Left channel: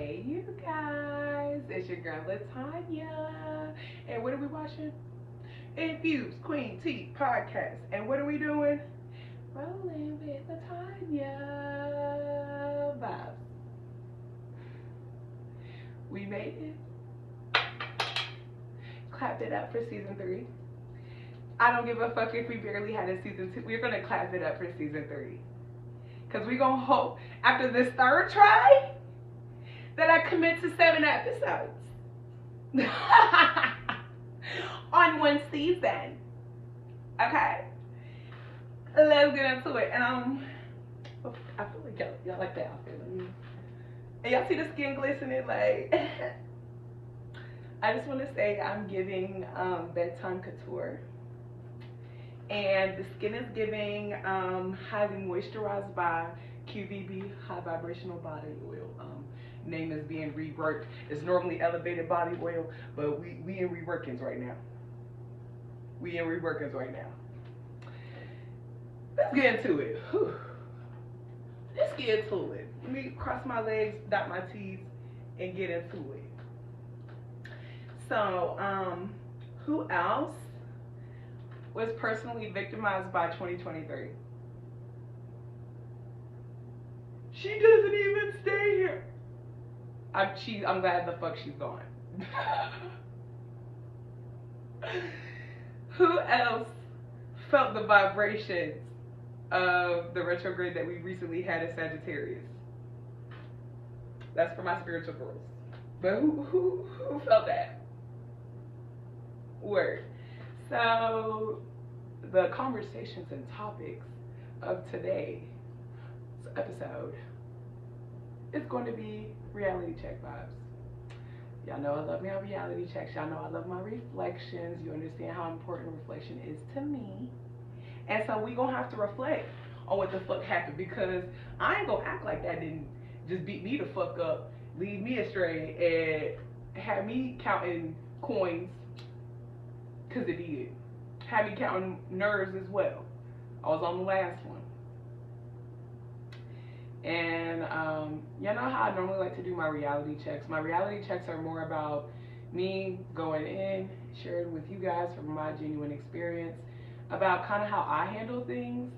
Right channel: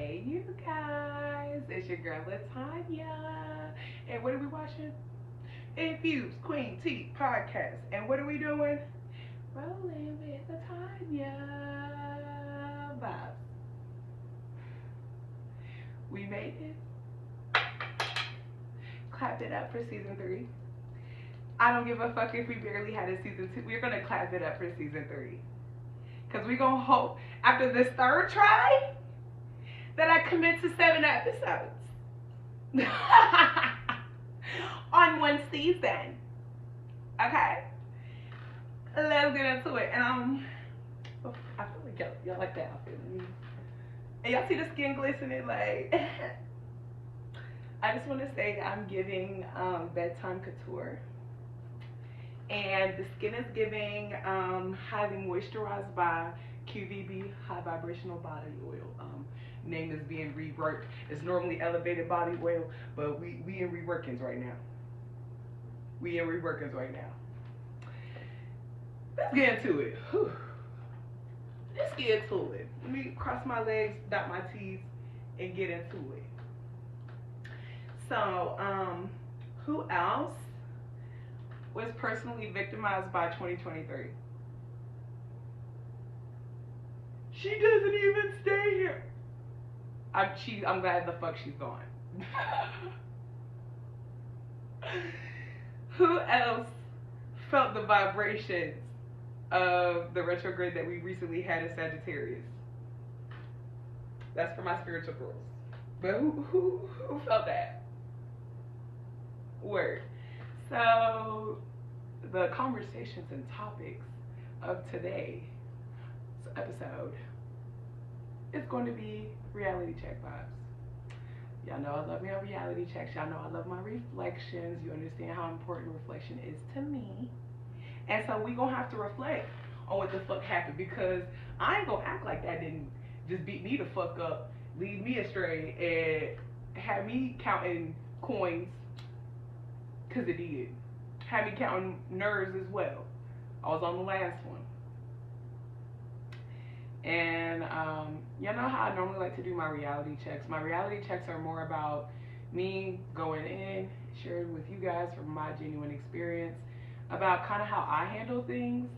Hey, you guys, it's your girl Latanya, and what are we watching? Infused Queen Tea Podcast, and what are we doing? Rolling with Latanya vibes. We made it. Clap it up for season 3. I don't give a fuck if we barely had a season 2. We're gonna clap it up for season 3, cause we gonna hope after this third try that I commit to 7 episodes on one season. Okay, let's get into it. And I feel like y'all like that outfit. And y'all see the skin glistening, like. I just want to say I'm giving bedtime couture, and the skin is giving highly moisturized by QVB High Vibrational Body Oil. Name is being reworked. It's normally elevated body oil, but we in reworkings right now. Let's get into it. Whew. Let's get into it. Let me cross my legs, dot my T's, and get into it. So, who else was personally victimized by 2023? She doesn't even stay here. I'm glad the fuck she's gone. Who else felt the vibrations of the retrograde that we recently had in Sagittarius? That's for my spiritual girls. But who felt that? Word. So the conversations and topics of today's episode is going to be reality check vibes. Y'all know I love my reality checks. Y'all know I love my reflections. You understand how important reflection is to me. And so we gonna have to reflect on what the fuck happened, because I ain't gonna act like that didn't just beat me the fuck up, lead me astray, and have me counting coins, because it did. Had me counting nerves as well. I was on the last one. And you know how I normally like to do my reality checks. My reality checks are more about me going in, sharing with you guys from my genuine experience about kind of how I handle things,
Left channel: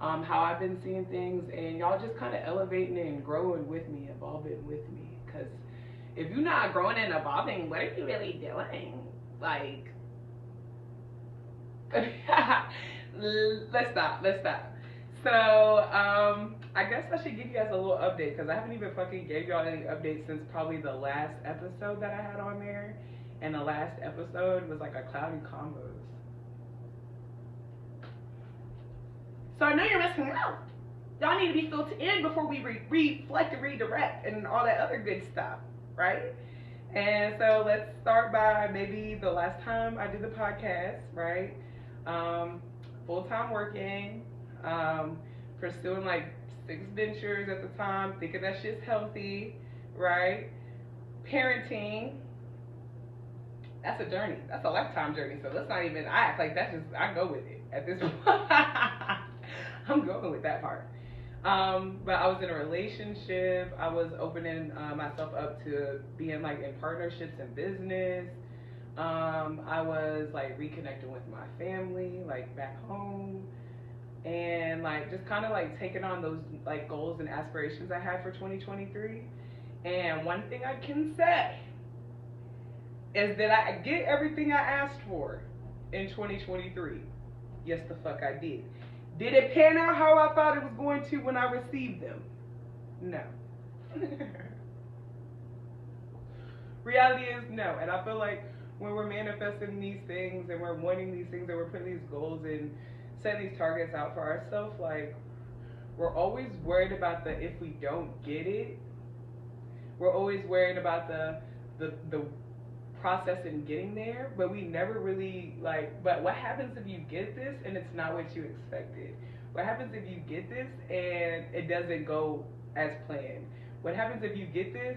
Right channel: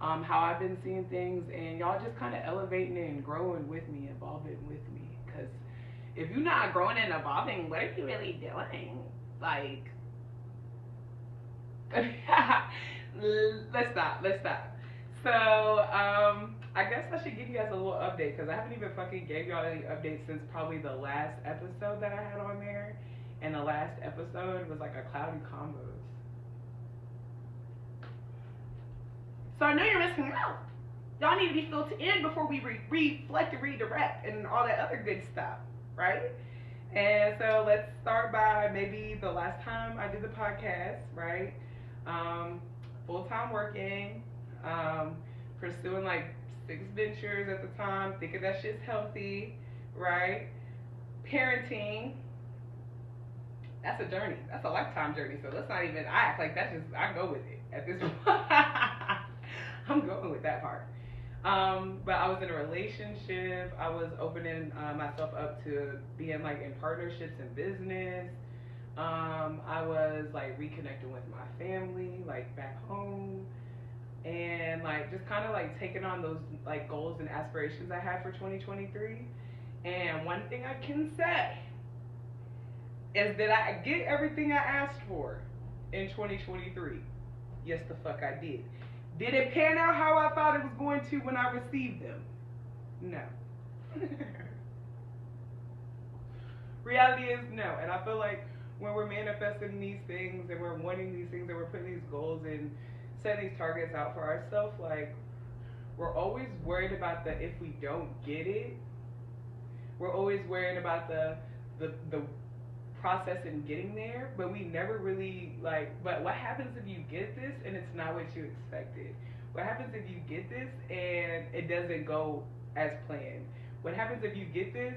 how I've been seeing things, and y'all just kind of elevating and growing with me, evolving with me. Because if you're not growing and evolving, what are you really doing? Like, let's stop. So, I guess I should give you guys a little update, because I haven't even fucking gave y'all any updates since probably the last episode that I had on there. And the last episode was like a cloudy combos. So I know you're missing out. Y'all need to be filtered in before we reflect and redirect and all that other good stuff, right? And so let's start by maybe the last time I did the podcast, right? Full-time working, pursuing like 6 ventures at the time, thinking that shit's healthy, right? Parenting, that's a journey. That's a lifetime journey. So let's not even, I act like that's just, I go with it at this point. I'm going with that part. But I was in a relationship. I was opening myself up to being like in partnerships in business. I was like reconnecting with my family, like back home, and like just kind of like taking on those like goals and aspirations I had for 2023. And one thing I can say is that I get everything I asked for in 2023. Yes, the fuck I did. Did it pan out how I thought it was going to when I received them? No. Reality is no. And I feel like when we're manifesting these things and we're wanting these things and we're putting these goals and setting these targets out for ourselves, like, we're always worried about the if we don't get it. We're always worried about the process in getting there, but we never really like, but what happens if you get this and it's not what you expected? What happens if you get this and it doesn't go as planned? What happens if you get this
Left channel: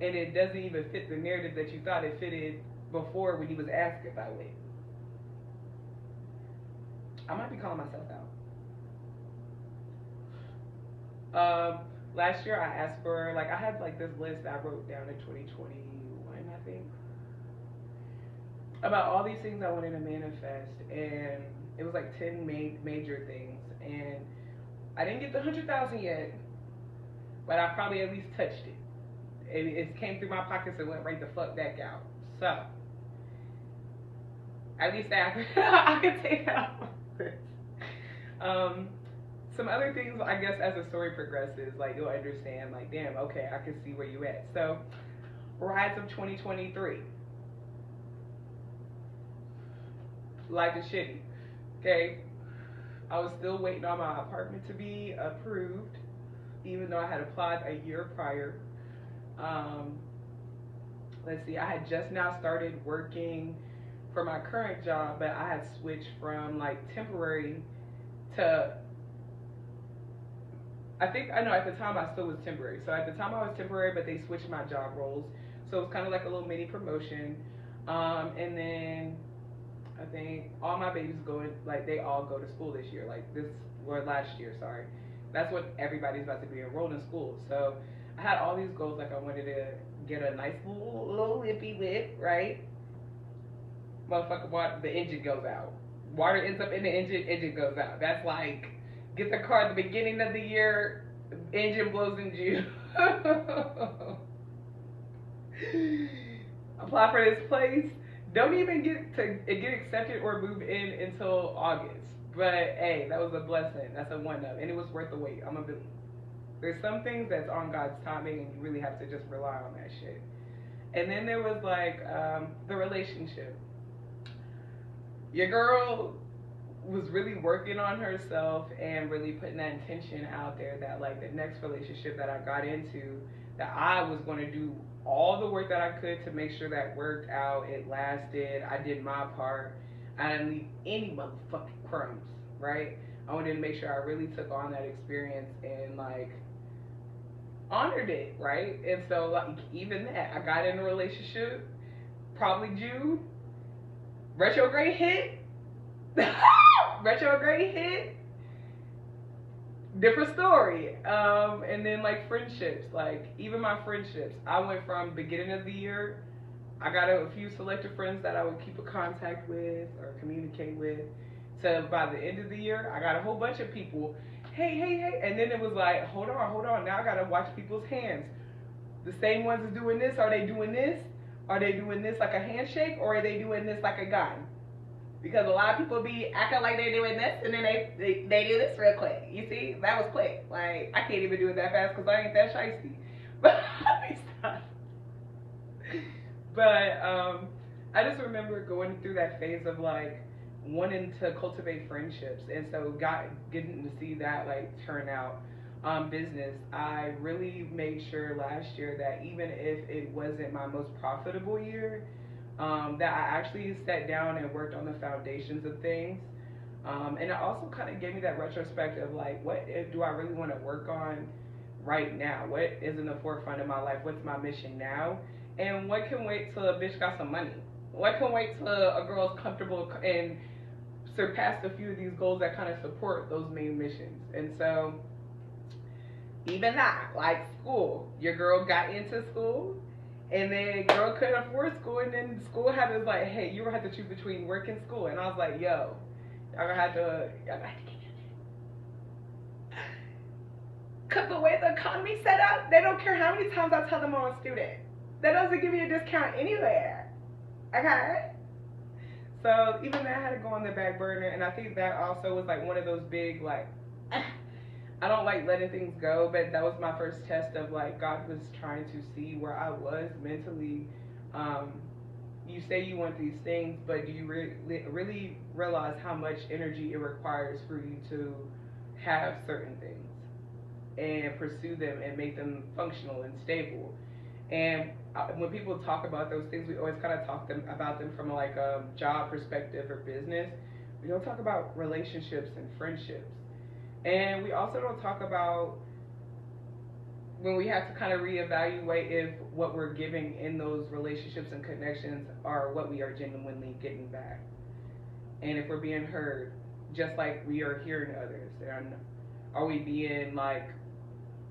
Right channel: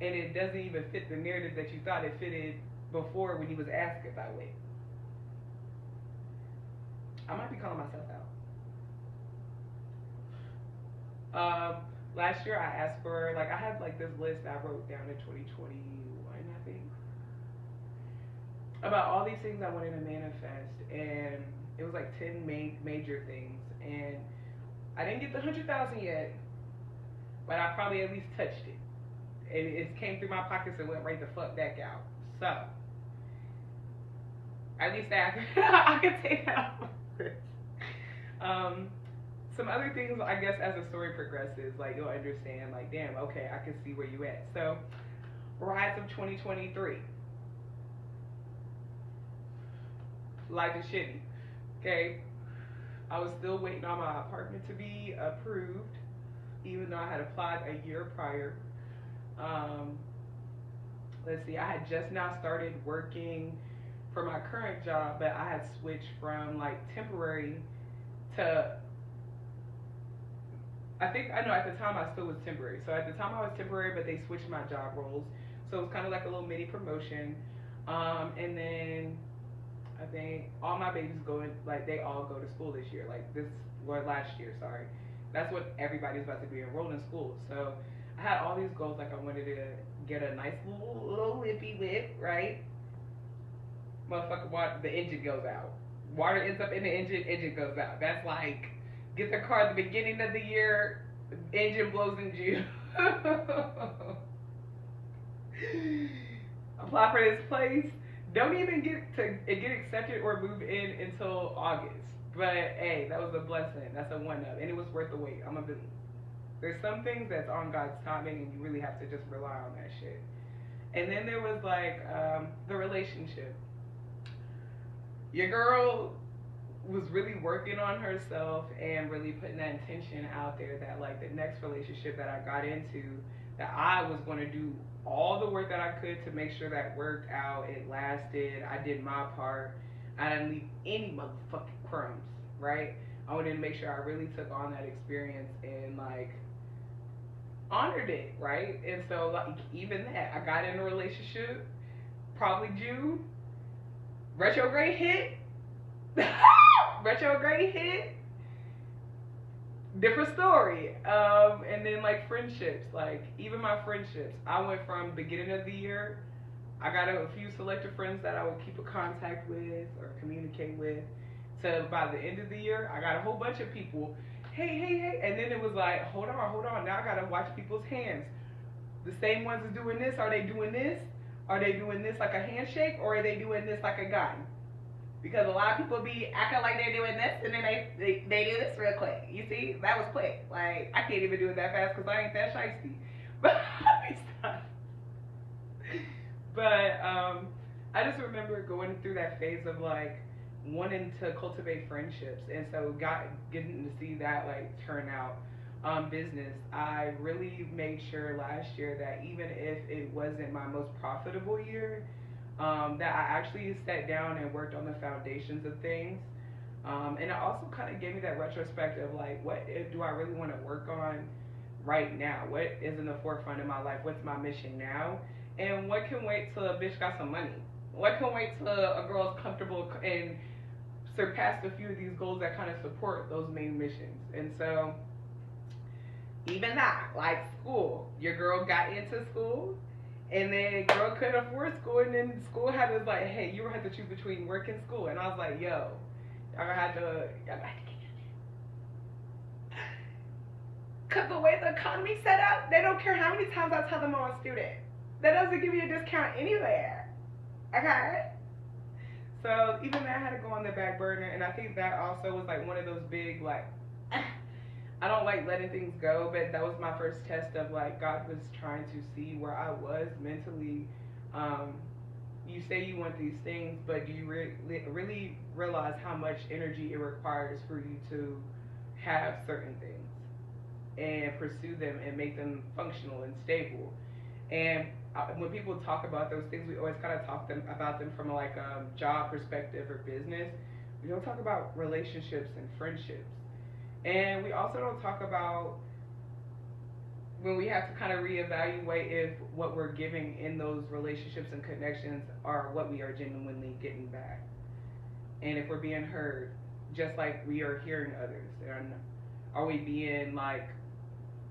and it doesn't even fit the narrative that you thought it fitted before when you was asked about it? I might be calling myself out. Last year I asked for, like, I had like this list that I wrote down in 2021, I think, about all these things I wanted to manifest, and it was like 10 major things, and I didn't get the 100,000 yet, but I probably at least touched it. It came through my pockets and went right the fuck back out. So at least I could take that off. Some other things, I guess, as the story progresses, like, you'll understand, like, damn, okay, I can see where you at. So, rise of 2023. Life is shitty. Okay? I was still waiting on my apartment to be approved, even though I had applied a year prior. Let's see, I had just now started working for my current job, but I had switched from, like, temporary to, I know at the time I still was temporary. So at the time I was temporary, but they switched my job roles. So it was kind of like a little mini promotion. And then I think all my babies they all go to school this year. Last year, sorry. That's when everybody's about to be enrolled in school. So I had all these goals, like I wanted to get a nice little whippy whip, right? Motherfucker, the engine goes out. Water ends up in the engine goes out. That's like, get the car at the beginning of the year, engine blows in June. Apply for this place. Don't even get accepted or move in until August. But hey, that was a blessing. That's a one-up, and it was worth the wait. There's some things that's on God's timing, and you really have to just rely on that shit. And then there was like the relationship. Your girl was really working on herself and really putting that intention out there that, like, the next relationship that I got into, that I was going to do all the work that I could to make sure that worked out, it lasted, I did my part, I didn't leave any motherfucking crumbs, right? I wanted to make sure I really took on that experience and, like, honored it, right? And so, like, even that, I got in a relationship, probably June, retrograde hit, different story. And then, like, friendships, like, even my friendships, I went from beginning of the year, I got a few selected friends that I would keep in contact with or communicate with, to by the end of the year, I got a whole bunch of people, hey, and then it was like, hold on, now I gotta watch people's hands. The same ones is doing this, are they doing this? Are they doing this like a handshake, or are they doing this like a gun? Because a lot of people be acting like they're doing this, and then they do this real quick. You see, that was quick. Like, I can't even do it that fast because I ain't that shiesty. But I just remember going through that phase of, like, wanting to cultivate friendships, and so getting to see that, like, turn out business. I really made sure last year that even if it wasn't my most profitable year, that I actually sat down and worked on the foundations of things. And it also kind of gave me that retrospective, like, what do I really want to work on right now? What is in the forefront of my life? What's my mission now? And what can wait till a bitch got some money? What can wait till a girl's comfortable and surpassed a few of these goals that kind of support those main missions? And so, even that, like school, your girl got into school, and then girl couldn't afford school, and then school had to, like, hey, you have to choose between work and school. And I was like, yo, y'all gonna have to get it. Cause the way the economy's set up, they don't care how many times I tell them I'm a student. That doesn't give me a discount anywhere. Okay? So even that had to go on the back burner, and I think that also was like one of those big, like, I don't like letting things go, but that was my first test of, like, God was trying to see where I was mentally. You say you want these things, but do you really realize how much energy it requires for you to have certain things and pursue them and make them functional and stable? And when people talk about those things, we always kind of talk about them from, like, a job perspective or business. We don't talk about relationships and friendships. And we also don't talk about when we have to kind of reevaluate if what we're giving in those relationships and connections are what we are genuinely getting back. And if we're being heard, just like we are hearing others. And are we being, like,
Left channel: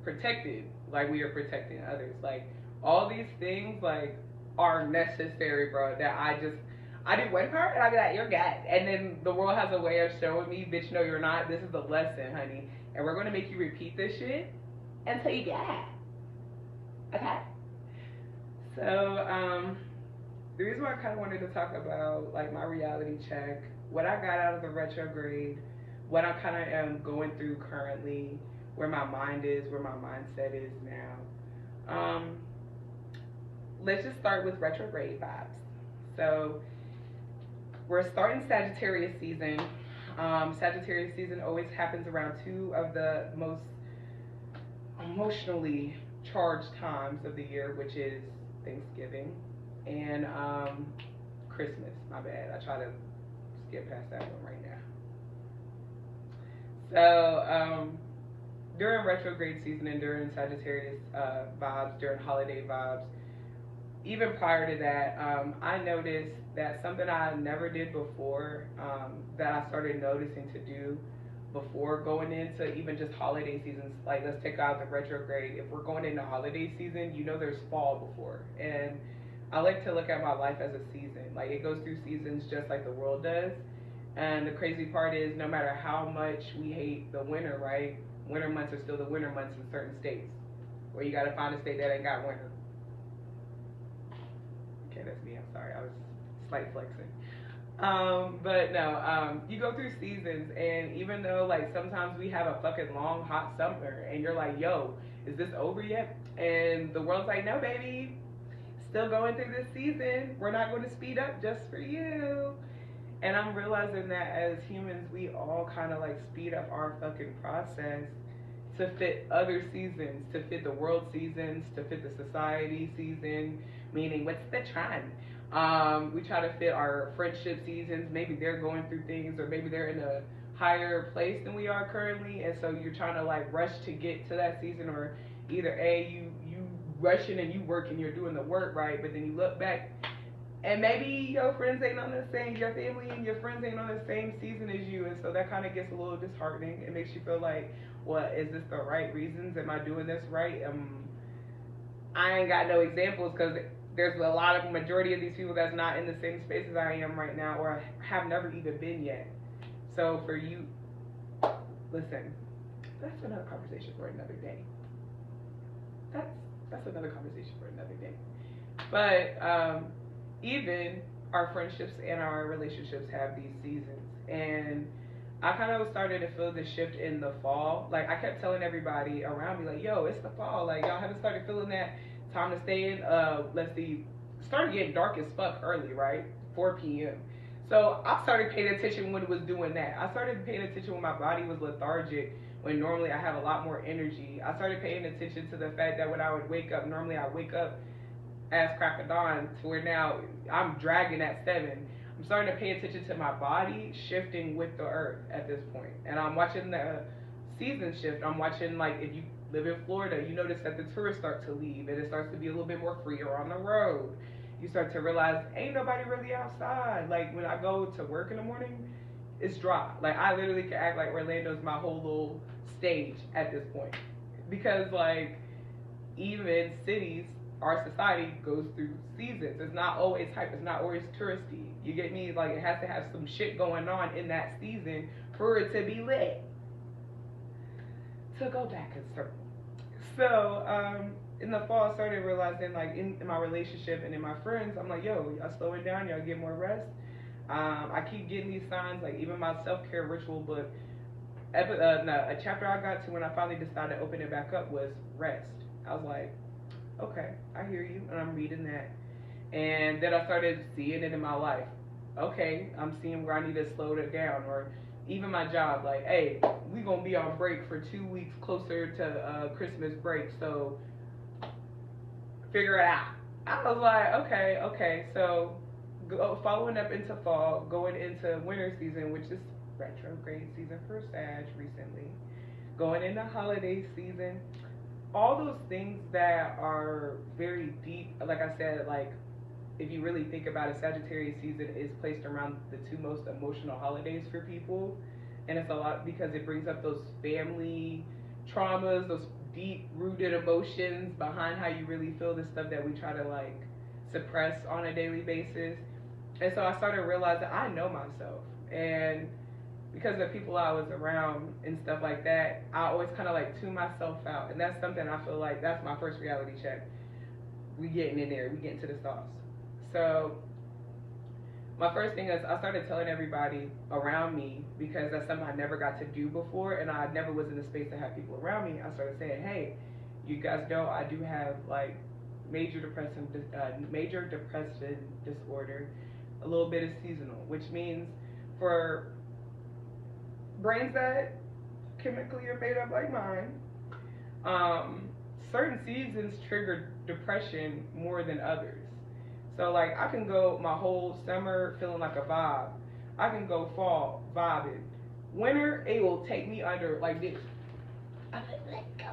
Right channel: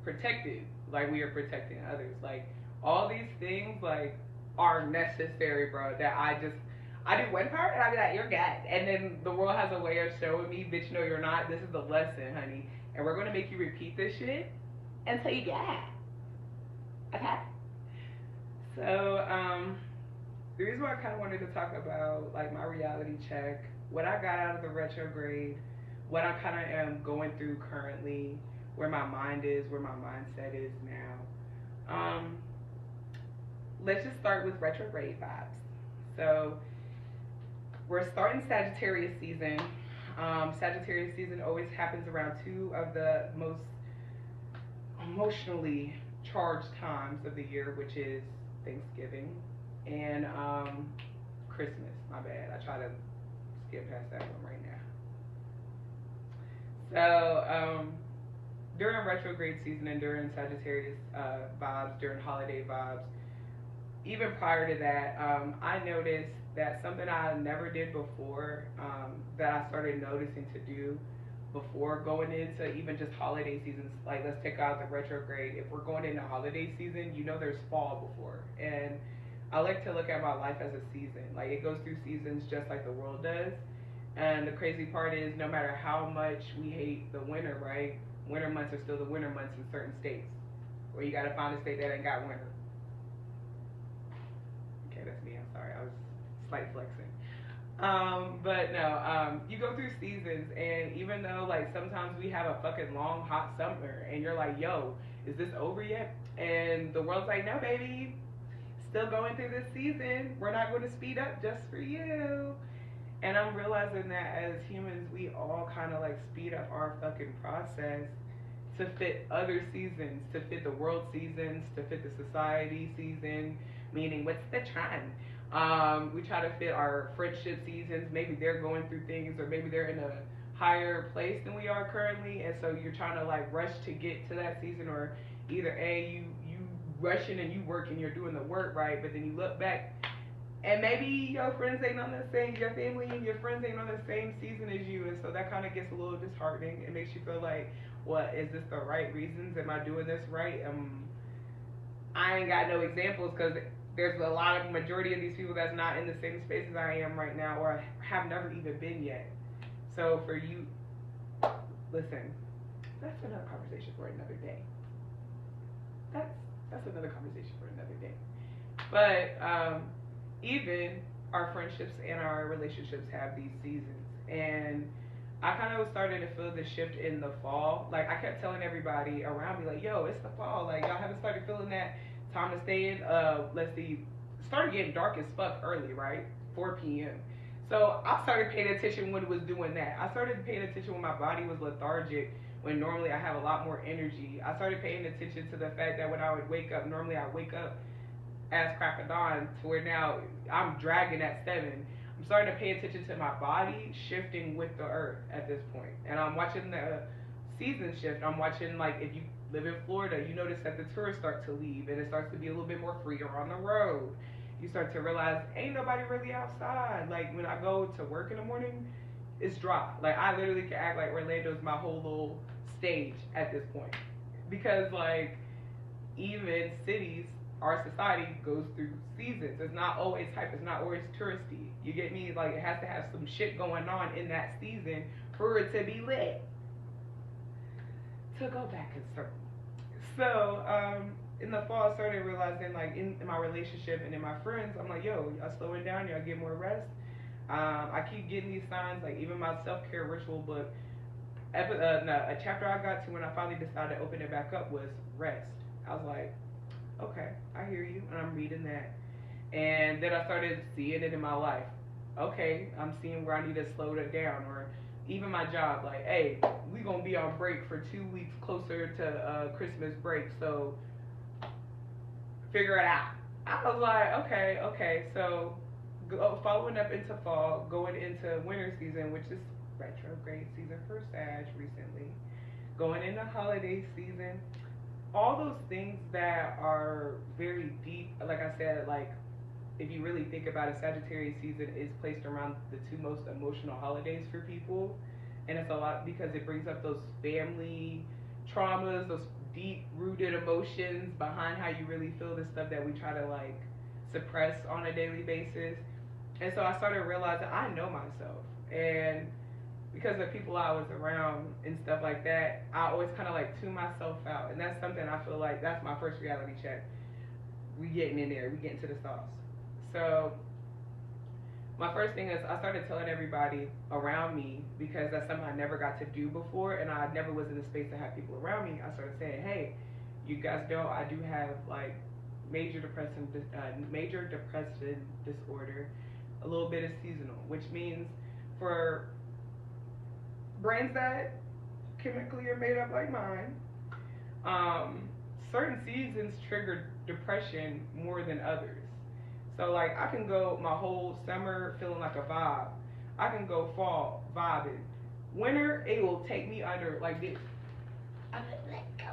protected like we are protecting others. Like all these things like are necessary, bro. That I do one part and I be like, you're God. And then the world has a way of showing me, bitch, no, you're not. This is the lesson, honey. And we're gonna make you repeat this shit until you get it. Okay? So, the reason why I kind of wanted to talk about like my reality check, what I got out of the retrograde, what I kind of am going through currently, where my mind is, where my mindset is now. Let's just start with retrograde vibes. So we're starting Sagittarius season. Sagittarius season always happens around two of the most emotionally charged times of the year, which is Thanksgiving and Christmas. My bad. I try to skip past that one right now. So during retrograde season and during Sagittarius vibes, during holiday vibes, even prior to that, I noticed that something I never did before, that I started noticing to do before going into even just holiday seasons. Like, let's take out the retrograde. If we're going into holiday season, you know there's fall before. And I like to look at my life as a season. Like, it goes through seasons just like the world does. And the crazy part is, no matter how much we hate the winter, right? Winter months are still the winter months in certain states. Where you gotta find a state that ain't got winter. Okay, that's me. I'm sorry. I was slight flexing. But no, you go through seasons, and even though like sometimes we have a fucking long hot summer, and you're like, yo, is this over yet? And the world's like, no, baby, still going through this season. We're not going to speed up just for you. And I'm realizing that as humans, we all kind of like speed up our fucking process to fit other seasons, to fit the world seasons, to fit the society season, meaning what's the trend? We try to fit our friendship seasons. Maybe they're going through things, or maybe they're in a higher place than we are currently, and so you're trying to like rush to get to that season, or either you rushing and you working, you're doing the work, right? But then you look back, and maybe your friends ain't on the same, your family and your friends ain't on the same season as you, and so that kind of gets a little disheartening. It makes you feel like, what, is this the right reasons? Am I doing this right? I ain't got no examples, because there's a lot of majority of these people that's not in the same space as I am right now, or have never even been yet. So for you, listen, that's another conversation for another day. That's another conversation for another day. But even our friendships and our relationships have these seasons, and I kind of started to feel the shift in the fall. Like, I kept telling everybody around me, like, yo, it's the fall. Like, y'all haven't started feeling that time to stay in. Let's see, it started getting dark as fuck early, right? 4 p.m. So I started paying attention when it was doing that. I started paying attention when my body was lethargic, when normally I have a lot more energy. I started paying attention to the fact that when I would wake up, normally I wake up as crack of dawn, to where now I'm dragging at 7. I'm starting to pay attention to my body shifting with the earth at this point. And I'm watching the season shift. I'm watching, like, if you live in Florida, you notice that the tourists start to leave, and it starts to be a little bit more freer on the road. You start to realize ain't nobody really outside. Like, when I go to work in the morning, it's dry. Like, I literally can act like Orlando's my whole little stage at this point, because like, even cities, our society goes through seasons. It's not always hype. It's not always touristy. You get me? Like, it has to have some shit going on in that season for it to be lit. To go back and circle. So, in the fall, I started realizing, like, in my relationship and in my friends, I'm like, yo, y'all slowing down, y'all get more rest. I keep getting these signs, like, even my self-care ritual book, a chapter I got to when I finally decided to open it back up was rest. I was like, okay, I hear you, and I'm reading that. And then I started seeing it in my life. Okay, I'm seeing where I need to slow it down. Or even my job, like, hey, we gonna be on break for 2 weeks closer to Christmas break, so figure it out. I was like, okay. So following up into fall, going into winter season, which is retrograde season for Sag recently, going into holiday season, all those things that are very deep. Like I said, like, if you really think about it, Sagittarius season is placed around the 2 most emotional holidays for people. And it's a lot because it brings up those family traumas, those deep rooted emotions behind how you really feel, the stuff that we try to like suppress on a daily basis. And so I started realizing I know myself, and because of people I was around and stuff like that, I always kind of like tune myself out, and that's something I feel like that's my first reality check. We getting in there, we getting to the sauce. So my first thing is I started telling everybody around me, because that's something I never got to do before, and I never was in the space to have people around me. I started saying, hey, you guys know I do have like major depressive disorder, a little bit of seasonal, which means for brains that chemically are made up like mine, certain seasons trigger depression more than others. So like I can go my whole summer feeling like a vibe. I can go fall vibing. Winter, it will take me under like this. I'm like, let go.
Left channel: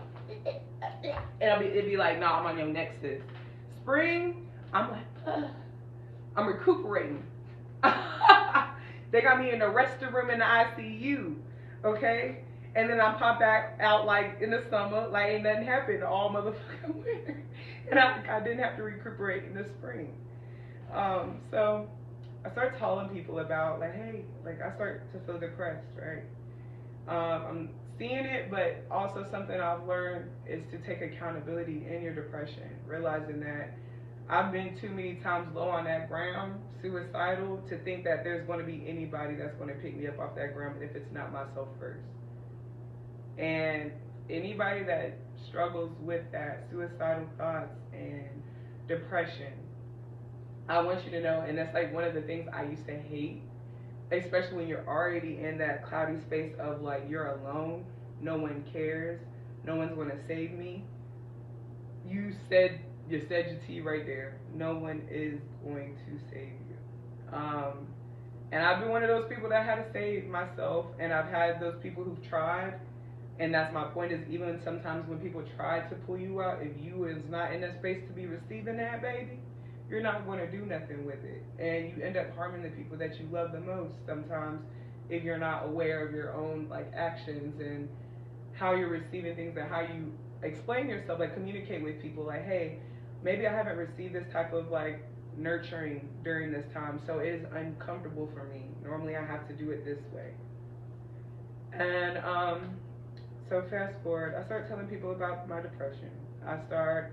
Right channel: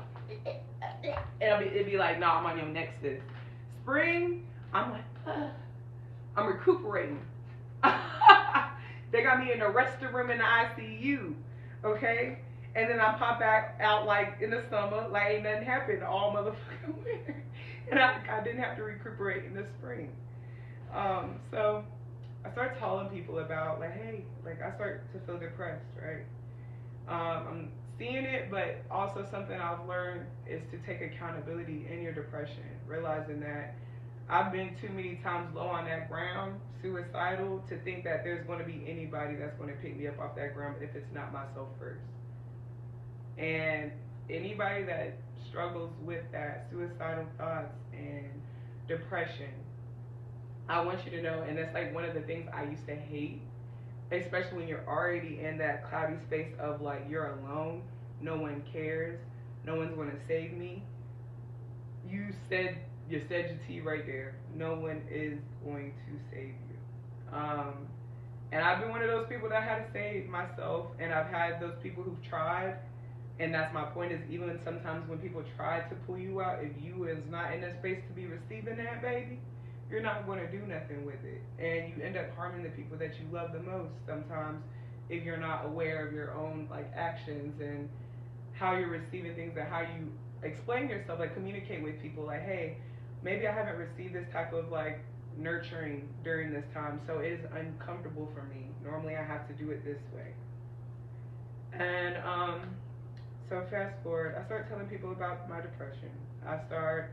And it'd be like, nah, I'm on your next sis. Spring, I'm like, I'm recuperating. They got me in the resting room in the ICU, okay? And then I pop back out like in the summer, like ain't nothing happened all motherfucking winter. And I didn't have to recuperate in the spring. So I start telling people about like, hey, like I start to feel depressed, right? I'm seeing it, but also something I've learned is to take accountability in your depression, realizing that I've been too many times low on that ground, suicidal, to think that there's going to be anybody that's going to pick me up off that ground if it's not myself first. And anybody that struggles with that, suicidal thoughts and depression, I want you to know, and that's like one of the things I used to hate, especially when you're already in that cloudy space of like you're alone, no one cares, no one's going to save me. You said your tea right there. No one is going to save you. And I've been one of those people that had to save myself, and I've had those people who've tried. And that's my point, is even sometimes when people try to pull you out, if you is not in a space to be receiving that, baby, you're not going to do nothing with it. And you end up harming the people that you love the most sometimes if you're not aware of your own like actions and how you're receiving things and how you explain yourself, like communicate with people like, hey, maybe I haven't received this type of like nurturing during this time, so it is uncomfortable for me. Normally I have to do it this way. And so fast forward, I start telling people about my depression. I start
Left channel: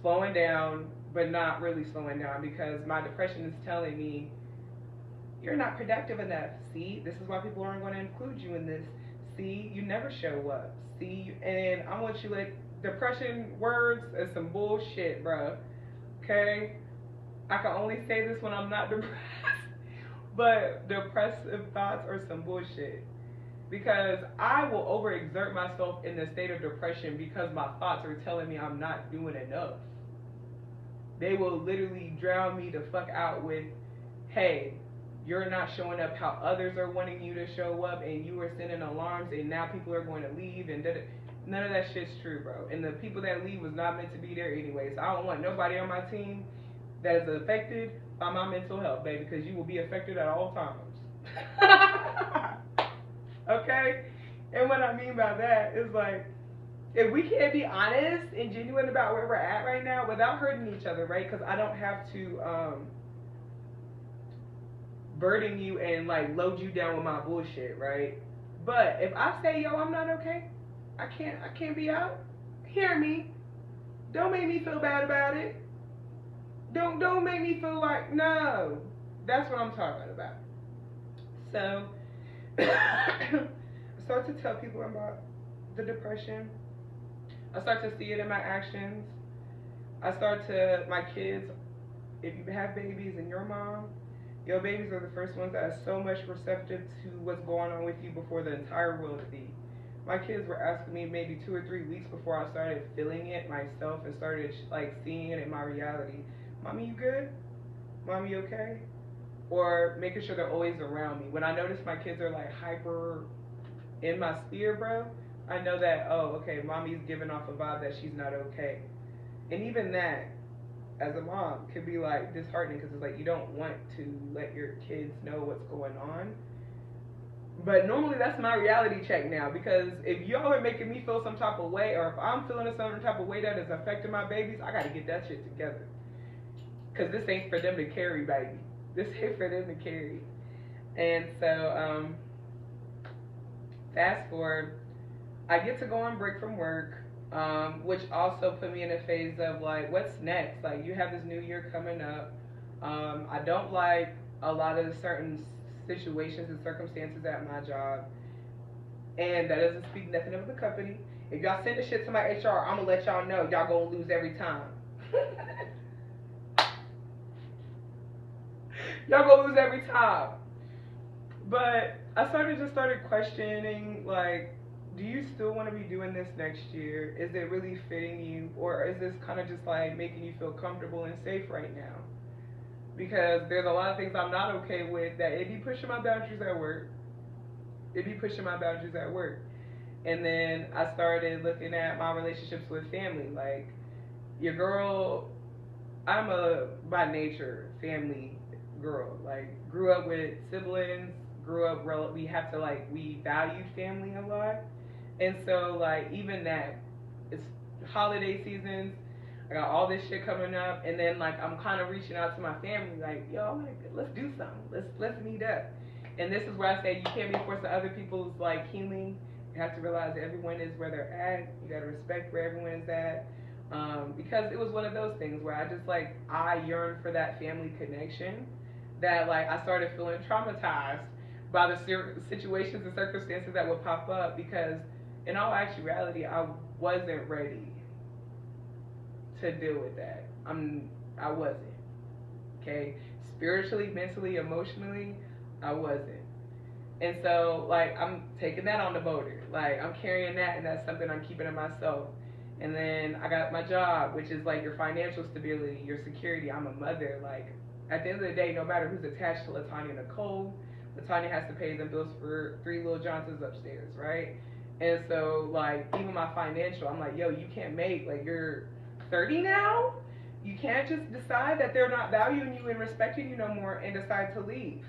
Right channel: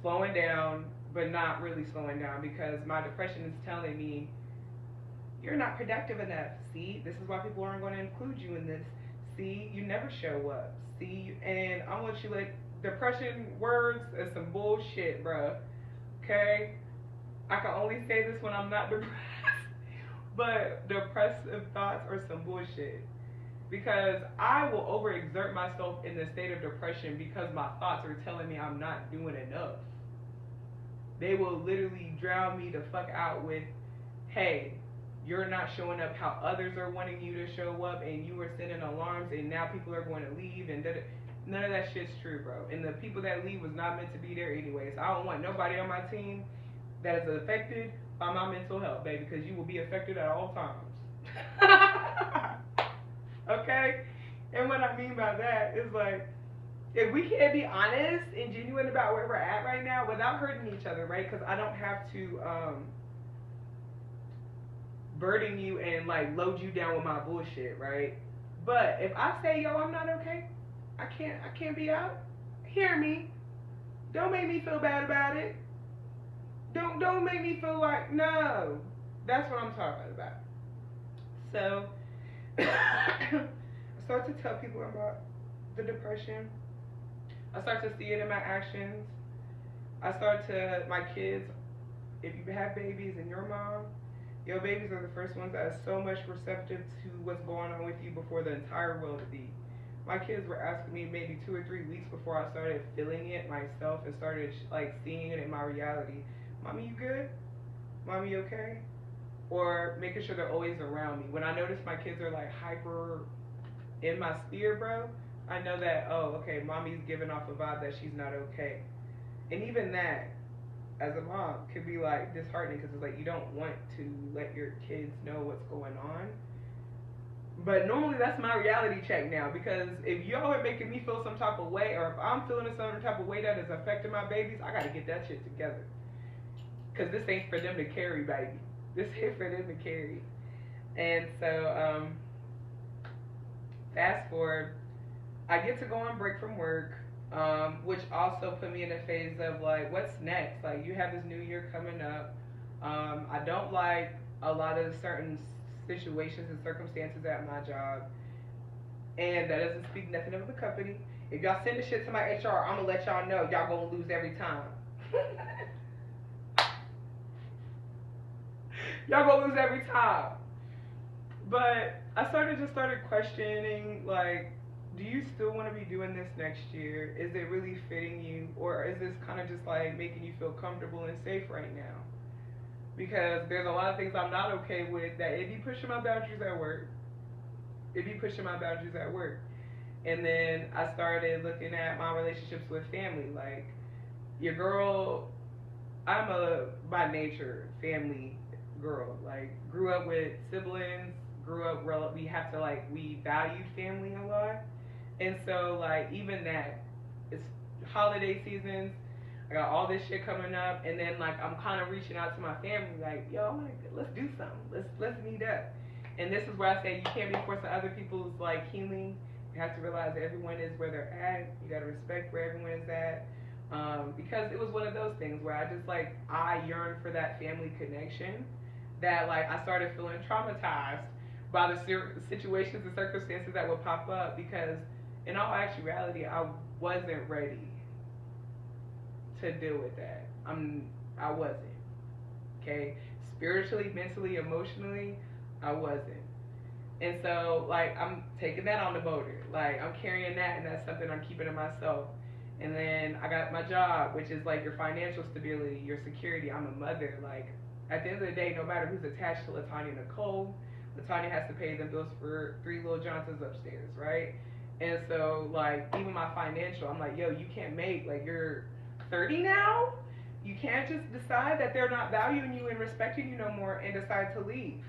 slowing down, but not really slowing down, because my depression is telling me, you're not productive enough. See, this is why people aren't going to include you in this. See, you never show up. See, and I want you like, depression words is some bullshit, bro. Okay? I can only say this when I'm not depressed. But depressive thoughts are some bullshit. Because I will overexert myself in the state of depression because my thoughts are telling me I'm not doing enough. They will literally drown me the fuck out with, hey, you're not showing up how others are wanting you to show up, and you are sending alarms, and now people are going to leave, and none of that shit's true, bro. And the people that leave was not meant to be there anyway. So I don't want nobody on my team that is affected by my mental health, baby, because you will be affected at all times. Okay? And what I mean by that is like, if we can't be honest and genuine about where we're at right now without hurting each other, right? Because I don't have to burden you and like load you down with my bullshit, right? But if I say, yo, I'm not okay, I can't be out, hear me. Don't make me feel bad about it. Don't make me feel like, no. That's what I'm talking about. So I start to tell people about the depression. I start to see it in my actions. My kids, if you have babies and your mom, your babies are the first ones that are so much receptive to what's going on with you before the entire world be. My kids were asking me maybe 2 or 3 weeks before I started feeling it myself and started like seeing it in my reality. Mommy, you good? Mommy, you okay? Or making sure they're always around me. When I notice my kids are like hyper in my sphere, bro, I know that, oh, okay, mommy's giving off a vibe that she's not okay. And even that, as a mom, could be like disheartening, because it's like you don't want to let your kids know what's going on. But normally that's my reality check now, because if y'all are making me feel some type of way, or if I'm feeling a certain type of way that is affecting my babies, I gotta get that shit together. Cause this ain't for them to carry, baby. This ain't for them to carry. And so, fast forward, I get to go on break from work, which also put me in a phase of like, what's next? Like, you have this new year coming up. I don't like a lot of the certain situations and circumstances at my job, and that doesn't speak nothing of the company. If y'all send the shit to my HR, I'm gonna let y'all know y'all gonna lose every time. Y'all gonna lose every time. But I started questioning, like, do you still want to be doing this next year? Is it really fitting you, or is this kind of just like making you feel comfortable and safe right now? Because there's a lot of things I'm not okay with that it be pushing my boundaries at work. And then I started looking at my relationships with family. Like, your girl, I'm a by nature family girl. Like, grew up with siblings, we valued family a lot. And so, like, even that, it's holiday seasons, I got all this shit coming up, and then, like, I'm kind of reaching out to my family, like, yo, let's do something, let's meet up. And this is where I say you can't be forcing other people's, like, healing. You have to realize everyone is where they're at. You got to respect where everyone is at. Because it was one of those things where I yearned for that family connection, that, like, I started feeling traumatized by the situations and circumstances that would pop up, because in all actuality, I wasn't ready to deal with that. I wasn't. Okay? Spiritually, mentally, emotionally, I wasn't. And so, like, I'm taking that on the motor. Like, I'm carrying that, and that's something I'm keeping to myself. And then I got my job, which is like your financial stability, your security. I'm a mother. Like, at the end of the day, no matter who's attached to Latanya and Nicole, Latanya has to pay them bills for 3 little Johnsons upstairs, right? And so, like, even my financial, I'm like, yo, you can't make, like, you're 30 now? You can't just decide that they're not valuing you and respecting you no more and decide to leave.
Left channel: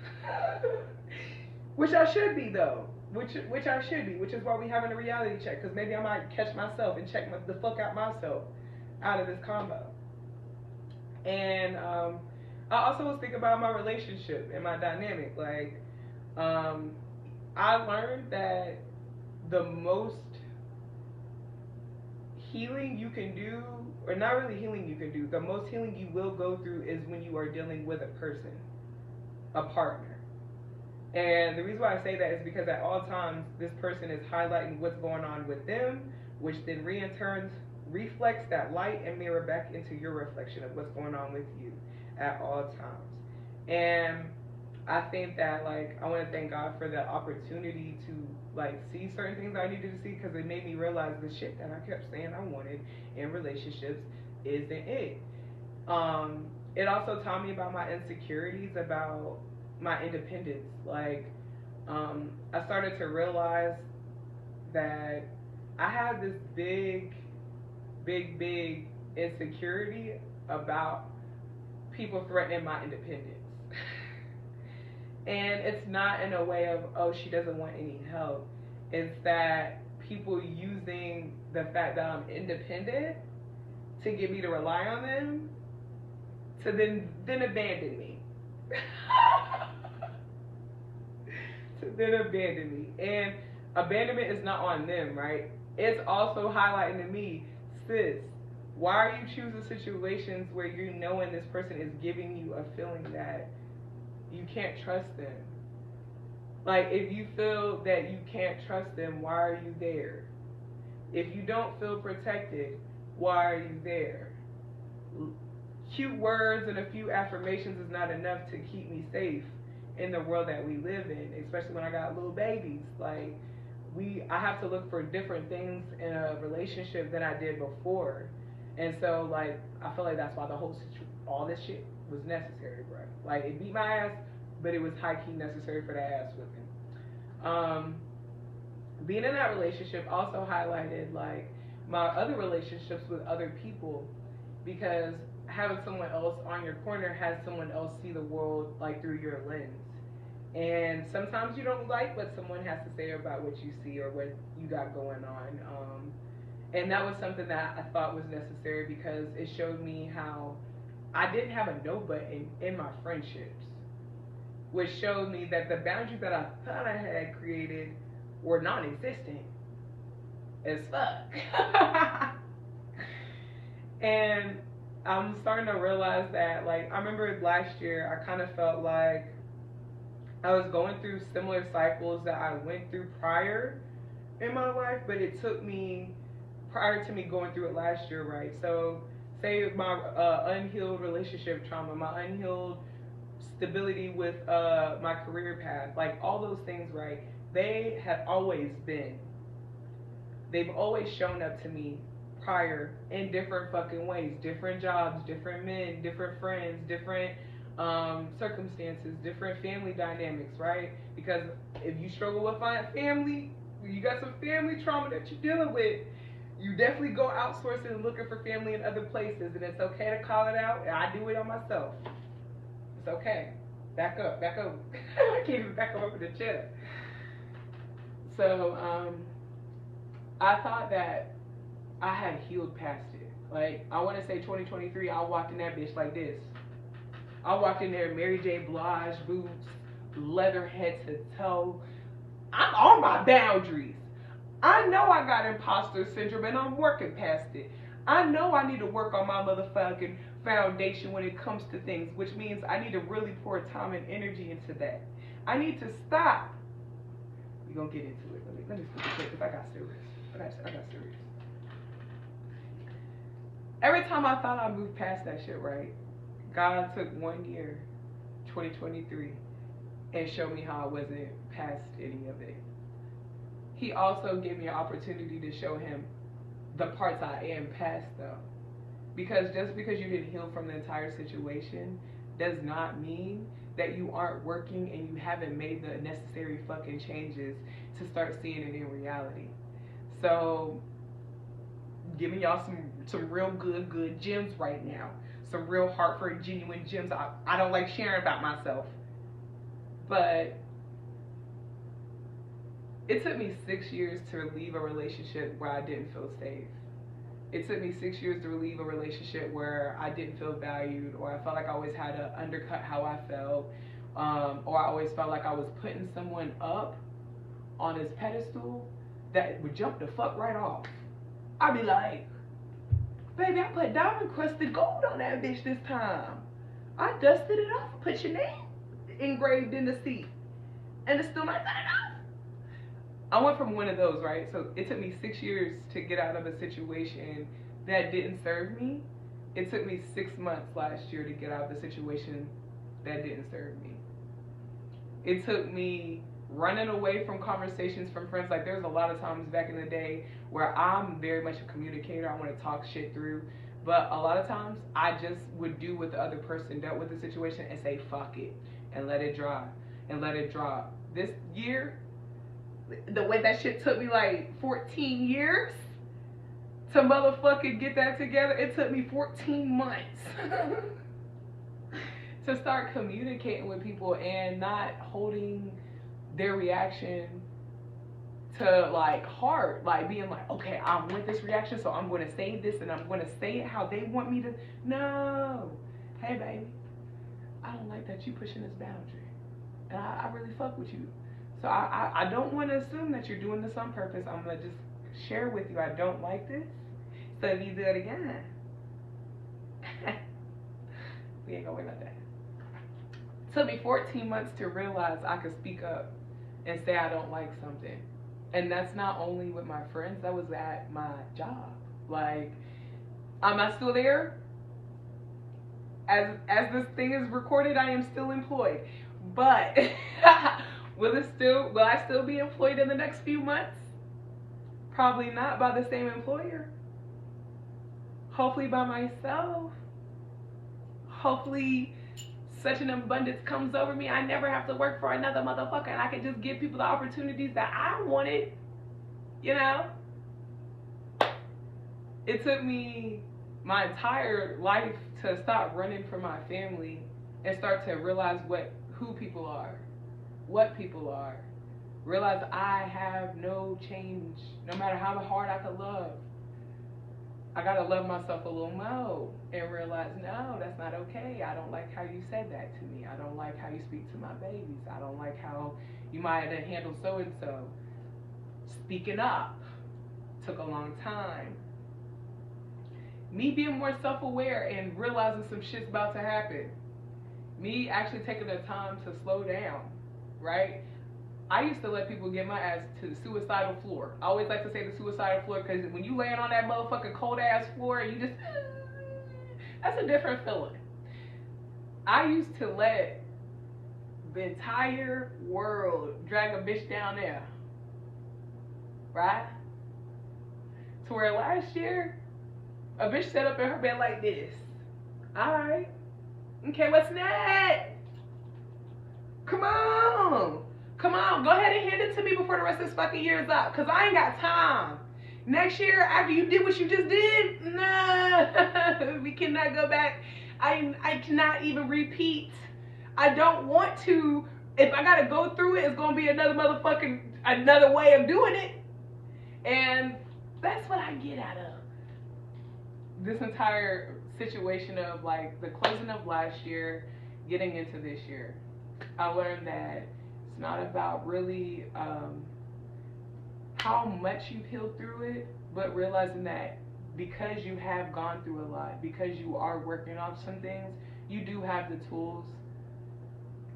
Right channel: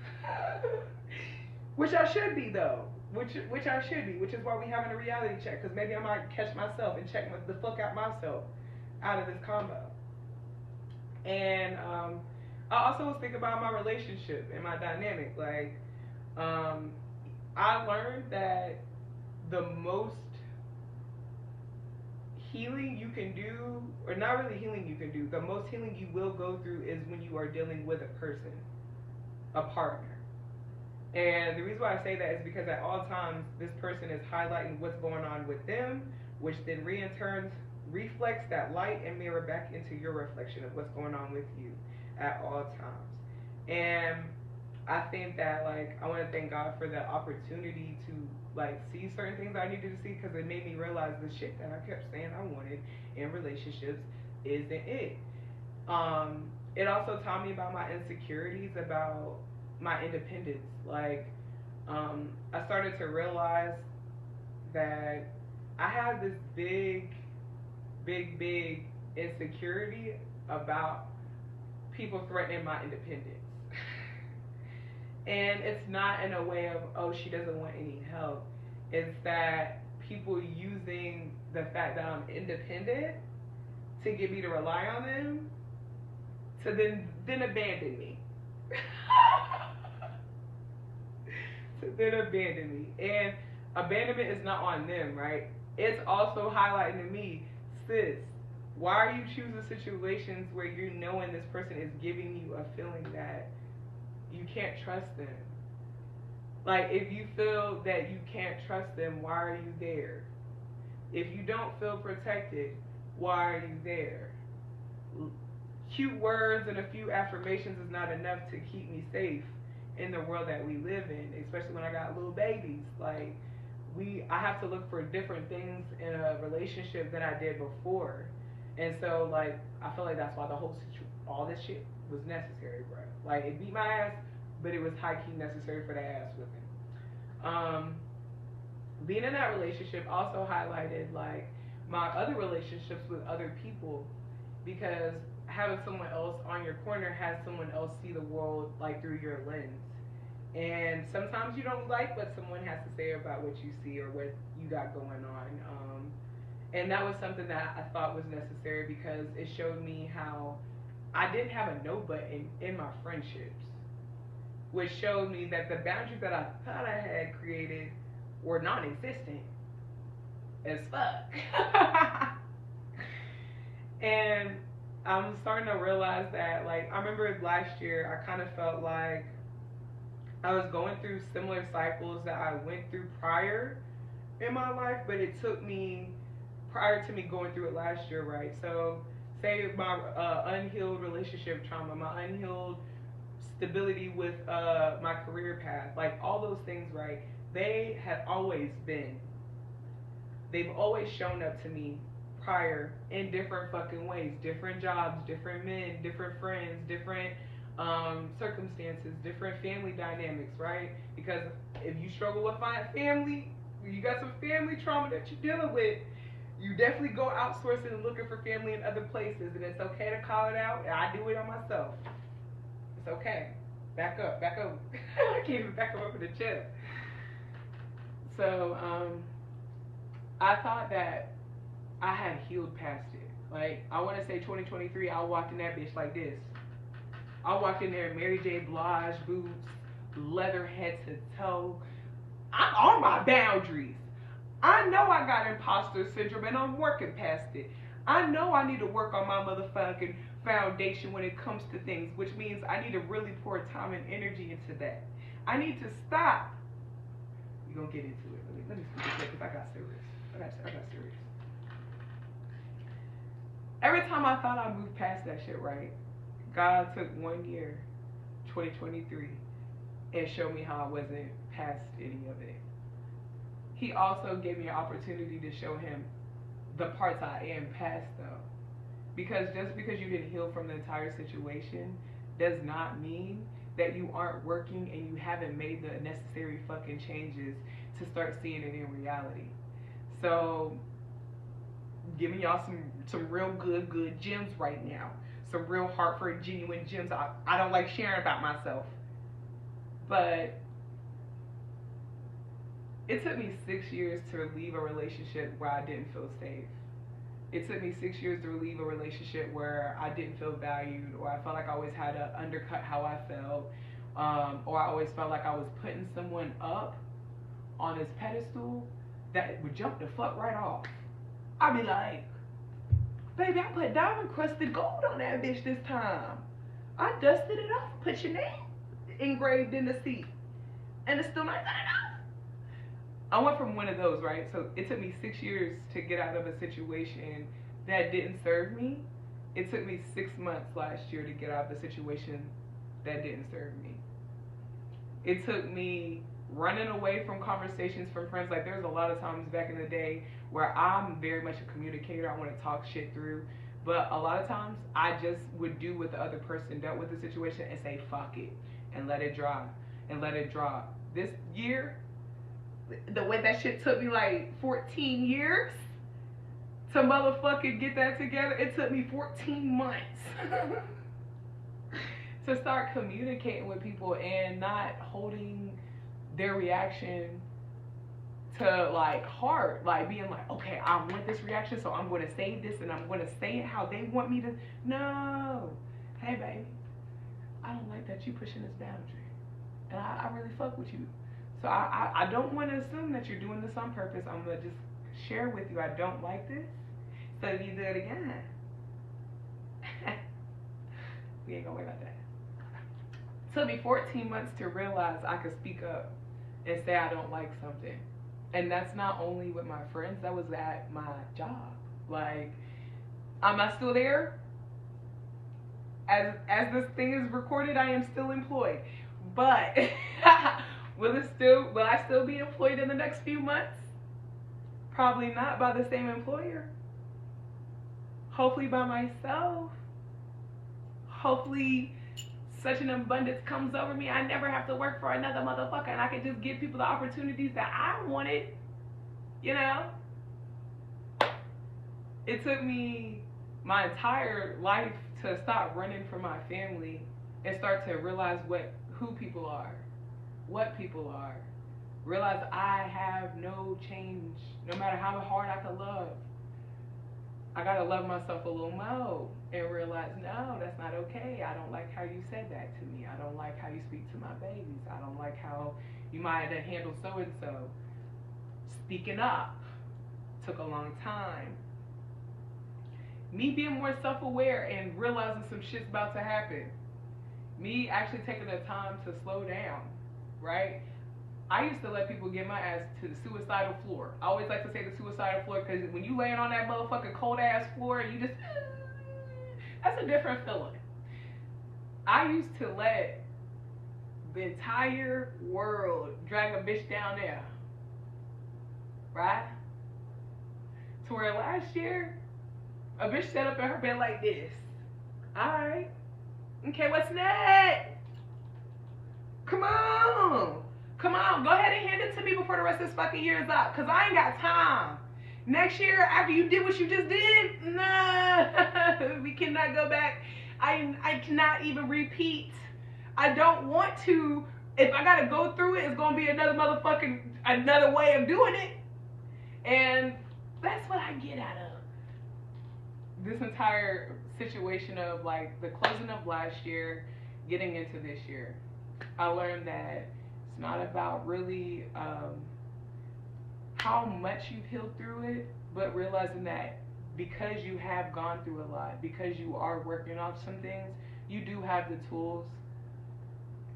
Which I should be, though. Which I should be, which is why we having a reality check, because maybe I might catch myself and check the fuck out myself out of this combo. And I also was thinking about my relationship and my dynamic. Like, I learned that the most healing you can do, or not really healing you can do, the most healing you will go through is when you are dealing with a person, a partner. And the reason why I say that is because at all times, this person is highlighting what's going on with them, which then in turn reflects that light and mirror back into your reflection of what's going on with you at all times. And I think that, like, I want to thank God for the opportunity to, like, see certain things I needed to see, because it made me realize the shit that I kept saying I wanted in relationships isn't it. It also taught me about my insecurities, about my independence. Like, I started to realize that I had this big insecurity about people threatening my independence. And it's not in a way of, oh, she doesn't want any help. It's that people using the fact that I'm independent to get me to rely on them to then abandon me. To then abandon me. And abandonment is not on them, right? It's also highlighting to me, sis, why are you choosing situations where you're knowing this person is giving you a feeling that you can't trust them? Like, if you feel that you can't trust them, why are you there? If you don't feel protected, why are you there? Cute words and a few affirmations is not enough to keep me safe in the world that we live in, especially when I got little babies. Like, I have to look for different things in a relationship than I did before. And so, like, I feel like that's why all this shit was necessary, bro. Like, it beat my ass, but it was high-key necessary for the ass whipping. Being in that relationship also highlighted, like, my other relationships with other people, because having someone else on your corner has someone else see the world, like, through your lens. And sometimes you don't like what someone has to say about what you see or what you got going on. And that was something that I thought was necessary because it showed me how I didn't have a no button in my friendships, which showed me that the boundaries that I thought I had created were non-existent as fuck. And I'm starting to realize that, like, I remember last year I kind of felt like I was going through similar cycles that I went through prior in my life, but it took me, prior to me going through it last year, right? So, say my unhealed relationship trauma, my unhealed stability with my career path, like all those things, right? They have always been, they've always shown up to me prior in different fucking ways, different jobs, different men, different friends, different circumstances, different family dynamics, right? Because if you struggle with family, you got some family trauma that you're dealing with, you definitely go outsourcing and looking for family in other places, and it's okay to call it out. I do it on myself. It's okay. Back up. I can't even back up over the chair. So, I thought that I had healed past it. Like, I want to say 2023, I walked in that bitch like this. I walked in there, Mary J. Blige boots, leather head to toe. I'm on my boundaries. I know I got imposter syndrome and I'm working past it. I know I need to work on my motherfucking foundation when it comes to things, which means I need to really pour time and energy into that. I need to stop. We're going to get into it. Let me speak this because I got serious. I got serious. Every time I thought I moved past that shit, right, God took 1 year, 2023, and showed me how I wasn't past any of it. He also gave me an opportunity to show him the parts I am past, though. Because just because you didn't heal from the entire situation does not mean that you aren't working and you haven't made the necessary fucking changes to start seeing it in reality. So, giving y'all some real good gems right now. Some real heartfelt, genuine gems I don't like sharing about myself. But it took me 6 years to leave a relationship where I didn't feel safe. It took me 6 years to leave a relationship where I didn't feel valued, or I felt like I always had to undercut how I felt, or I always felt like I was putting someone up on his pedestal that would jump the fuck right off. I'd be like, baby, I put diamond crusted gold on that bitch this time. I dusted it off, put your name engraved in the seat, and it's still not good enough. I went from one of those, right? So it took me 6 years to get out of a situation that didn't serve me. It took me 6 months last year to get out of the situation that didn't serve me. It took me running away from conversations from friends. Like, there's a lot of times back in the day where I'm very much a communicator. I want to talk shit through. But a lot of times I just would do what the other person dealt with the situation and say, fuck it, and let it drop, and let it drop. This year, the way that shit took me like 14 years to motherfucking get that together, it took me 14 months to start communicating with people and not holding their reaction to like heart, like being like, okay, I want this reaction, so I'm going to say this and I'm going to say it how they want me to. No, hey baby, I don't like that you pushing this boundary, and I really fuck with you. So I don't want to assume that you're doing this on purpose. I'm going to just share with you I don't like this. So if you do it again, we ain't going to worry about that. It took me 14 months to realize I could speak up and say I don't like something. And that's not only with my friends, that was at my job. Like, am I still there? As this thing is recorded, I am still employed. But will I still be employed in the next few months? Probably not by the same employer. Hopefully by myself. Hopefully such an abundance comes over me, I never have to work for another motherfucker and I can just give people the opportunities that I wanted, you know? It took me my entire life to stop running from my family and start to realize who people are. what people are. Realize I have no change, no matter how hard I can love. I gotta love myself a little more and realize, no, that's not okay. I don't like how you said that to me. I don't like how you speak to my babies. I don't like how you might have handled so and so. Speaking up took a long time. Me being more self-aware and realizing some shit's about to happen. Me actually taking the time to slow down, right? I used to let people get my ass to the suicidal floor. I always like to say the suicidal floor because when you laying on that motherfucking cold ass floor, you just, that's a different feeling. I used to let the entire world drag a bitch down there, right? To where last year, a bitch sat up in her bed like this. All right, okay, what's next? Come on. Come on, go ahead and hand it to me before the rest of this fucking year is up, because I ain't got time. Next year, after you did what you just did, nah, we cannot go back. I cannot even repeat. I don't want to. If I got to go through it, it's going to be another way of doing it. And that's what I get out of this entire situation of like the closing of last year, getting into this year. I learned that it's not about really how much you've healed through it, but realizing that because you have gone through a lot, because you are working on some things, you do have the tools.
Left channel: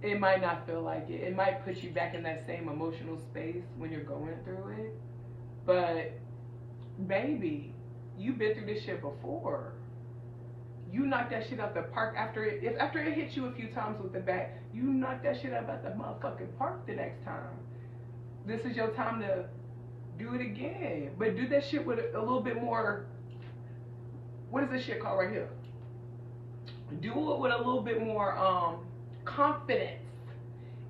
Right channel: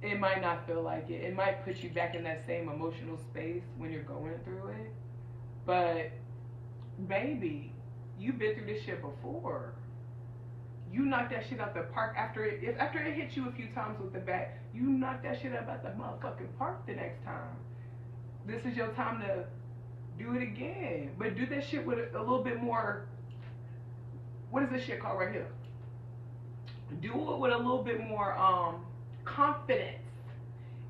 It might not feel like it. It might put you back in that same emotional space when you're going through it. But baby, you've been through this shit before. You knock that shit out the park after it hits you a few times with the bat. You knock that shit out at the motherfucking park the next time. This is your time to do it again, but do that shit with a little bit more. What is this shit called right here? Do it with a little bit more confidence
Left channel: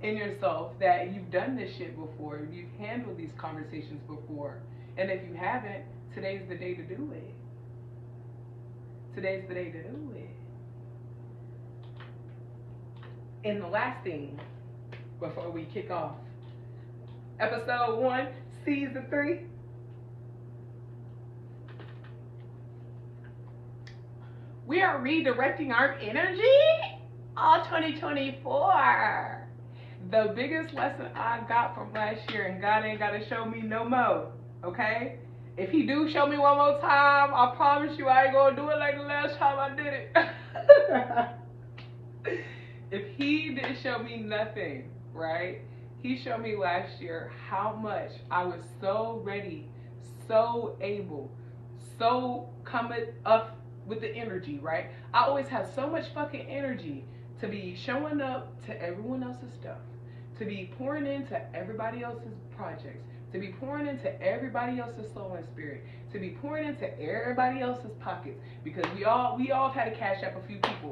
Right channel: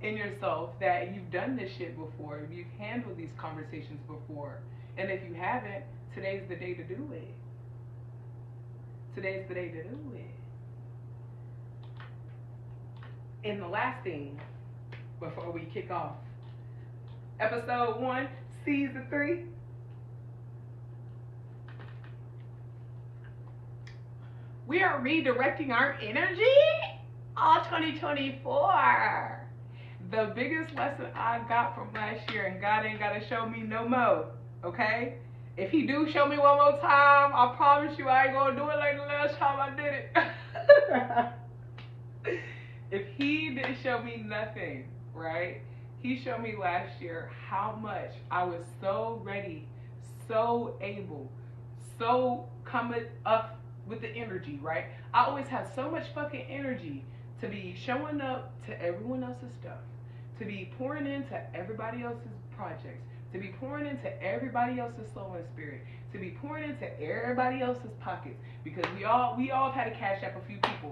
in yourself that you've done this shit before. You've handled these conversations before, and if you haven't, today's the day to do it. Today's the day to do it. And the last thing, before we kick off, episode 1, season 3. We are redirecting our energy all 2024. The biggest lesson I got from last year, and God ain't got to show me no more, okay? If he do show me one more time, I promise you I ain't gonna do it like the last time I did it. If he didn't show me nothing, right? He showed me last year how much I was so ready, so able, so coming up with the energy, right? I always have so much fucking energy to be showing up to everyone else's stuff, to be pouring into everybody else's projects, to be pouring into everybody else's soul and spirit, to be pouring into everybody else's pockets, because we all have had to cash up a few people.